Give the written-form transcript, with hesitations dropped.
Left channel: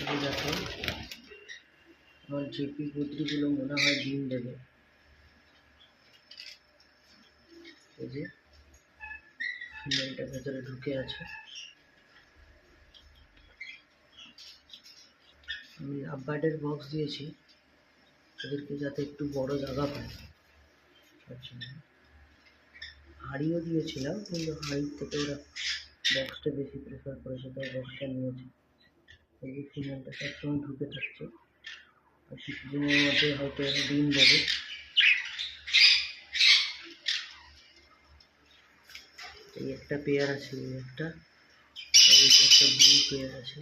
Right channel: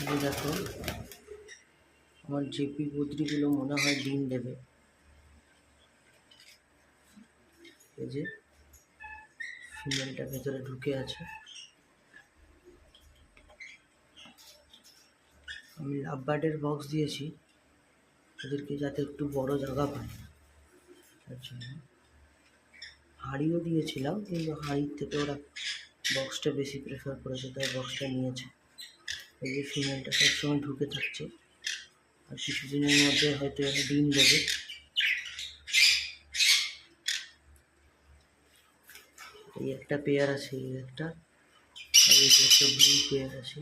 এই দেখো আমার জেপি বদ্রিগুলো মনে হয় ডিম দেবে। এই যে ফিমেলটা ভেতরে ঢুকে আছে। আমি লাভবার্ডের বক্স দিয়েছি ওদেরকে যাতে একটু বড় জায়গা পায় তার জন্য। হাঁড়িও দিয়েছিলাম কিন্তু হাঁড়ির থেকে ওরা বক্সটা বেশি প্রেফার করেছে, তাই বক্সটা নিয়েছে। এই যে ফিমেলটা সবসময় ঢুকে থাকছে, আর কিছুদিনের মধ্যে হয়তো এরা ডিম দেবে। এই একটা পেয়ার আছে, এই একটা, আর এই যে একটা ব্লু পেয়ার আছে।